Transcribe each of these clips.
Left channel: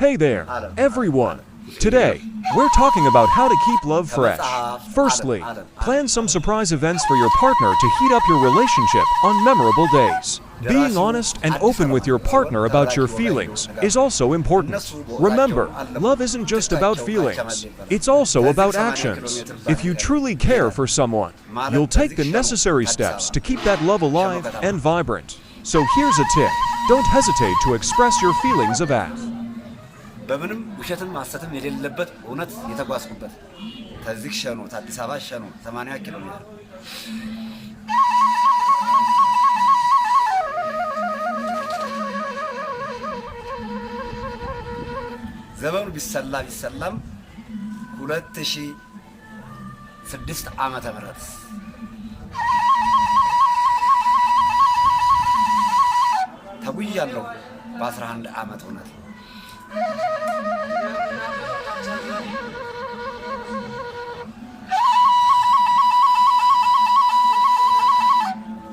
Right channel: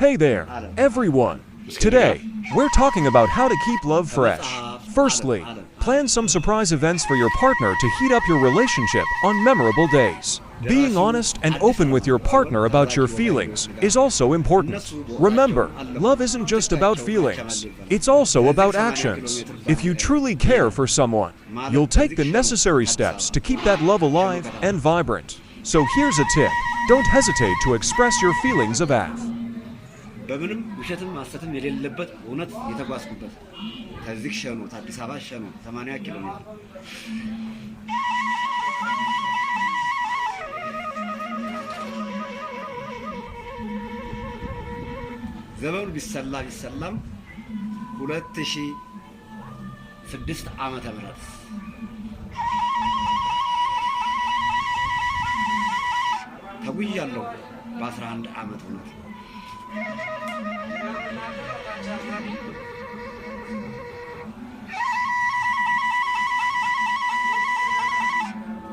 Hey there, everyone. Today, we're talking about how to keep love fresh. Firstly, plan some surprise events for your partner to heat up your relationship on memorable days. Being honest and open with your partner about your feelings is also important. Remember, love isn't just about feelings. It's also about actions. If you truly care for someone, you'll take the necessary steps to keep that love alive and vibrant. So here's a tip. Don't hesitate to express your feelings of AF. በምንም ውሸትም ማሰተም የሌለበት እውነት የተጓዝኩበት ከዚህ ሸኑ አዲስ አበባ ሸኑ 80 ኪሎ ሜትር ዘመኑ ቢሰላም 2006 ዓመተ ምህረት ተጉያለሁ በ11 ዓመት ሆነ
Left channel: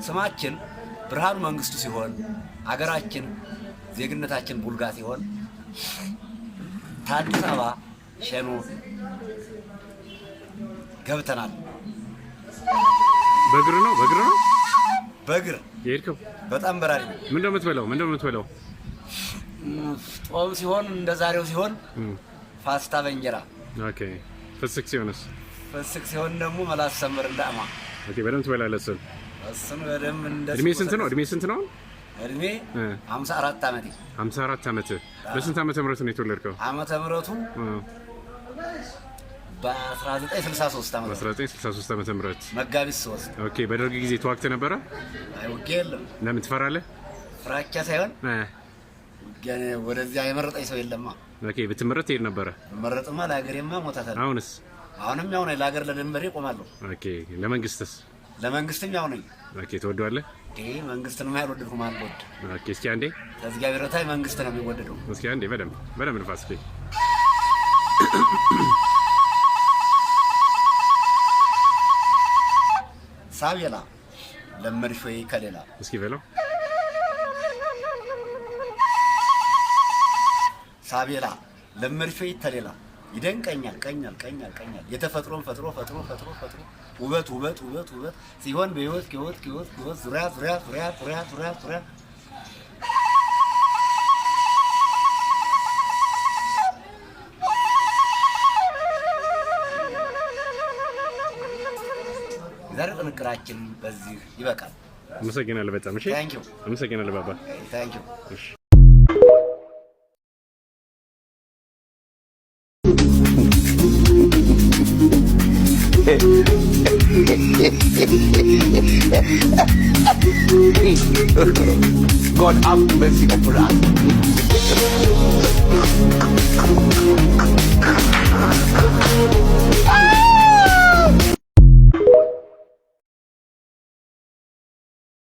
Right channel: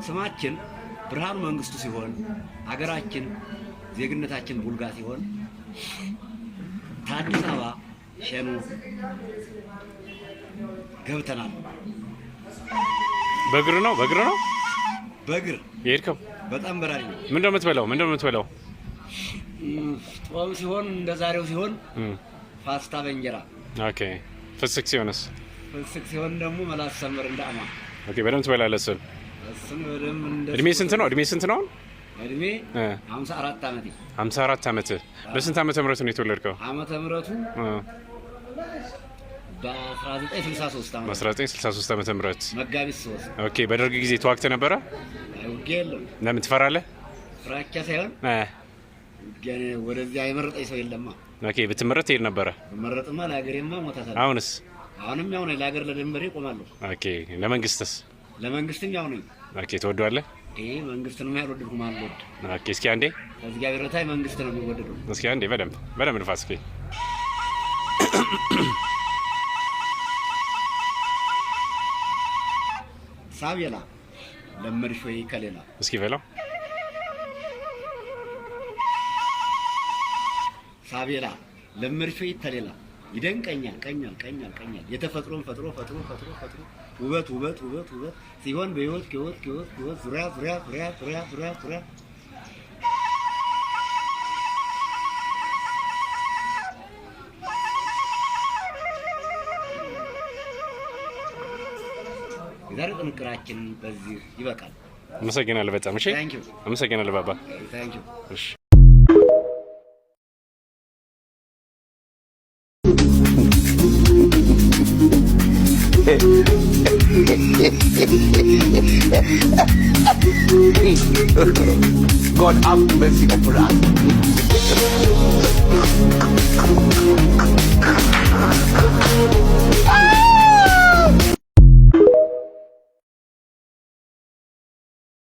ስማችን ብርሃኑ መንግስቱ ሲሆን አገራችን ዜግነታችን ቡልጋ ሲሆን አዲስ አበባ ሸኖ ገብተናል። በእግር ነው በእግር የሄድከው? በጣም በራሪ ነው። ምንድነው የምትበላው? ጦም ሲሆን እንደዛሬው ሲሆን ፓስታ በእንጀራ። ኦኬ። ፍስክ ሲሆን ደግሞ መላስ ሰምር እንዳማ። ኦኬ። በደምብ ትበላለህ እሱን በደምብ እንደ እድሜ ስንት ነው? እድሜ 54 ዓመቴ። 54 ዓመት። በስንት ዓመተ ምህረት ነው የተወለድከው? ዓመተ ምህረቱ በ1963 ዓመተ ምህረት መጋቢት 3። ኦኬ። በደርግ ጊዜ ተዋግተህ ነበረ? አይወጌል። ለምን ትፈራለህ? ፍራቻ ሳይሆን ገና ወደዚያ የመረጠኝ ሰው የለማ። ኦኬ። ብትመረጥ ትሄድ ነበረ? መረጥማ ለሀገሬማ ሞታታለሁ። አሁንም ያው ነኝ። ለሀገር ለድንበሬ ቆማለሁ። ኦኬ። ለመንግስትም ያው ነኝ። ኦኬ። ትወደዋለህ? መንግስትን ማይወደው ማለት ነው። ኦኬ። እስኪ አንዴ እግዚአብሔር ታዬ መንግስት ነው የሚወደደው። እስኪ አንዴ በደንብ ንፋስ እስኪ ሳቢላ ለመድሾይ ከሌላ እስኪ በለው። ሳቢላ ለመድሾይ ተሌላ ይደንቀኛል ቀኛል የተፈጥሮን ፈጥሮ ውበት ሲሆን በህይወት ዙሪያ ዛሬ ጥንቅራችን በዚህ ይበቃል። አመሰግናለሁ በጣም። እሺ፣ አመሰግናለሁ ባባ። እሺ God have mercy upon us.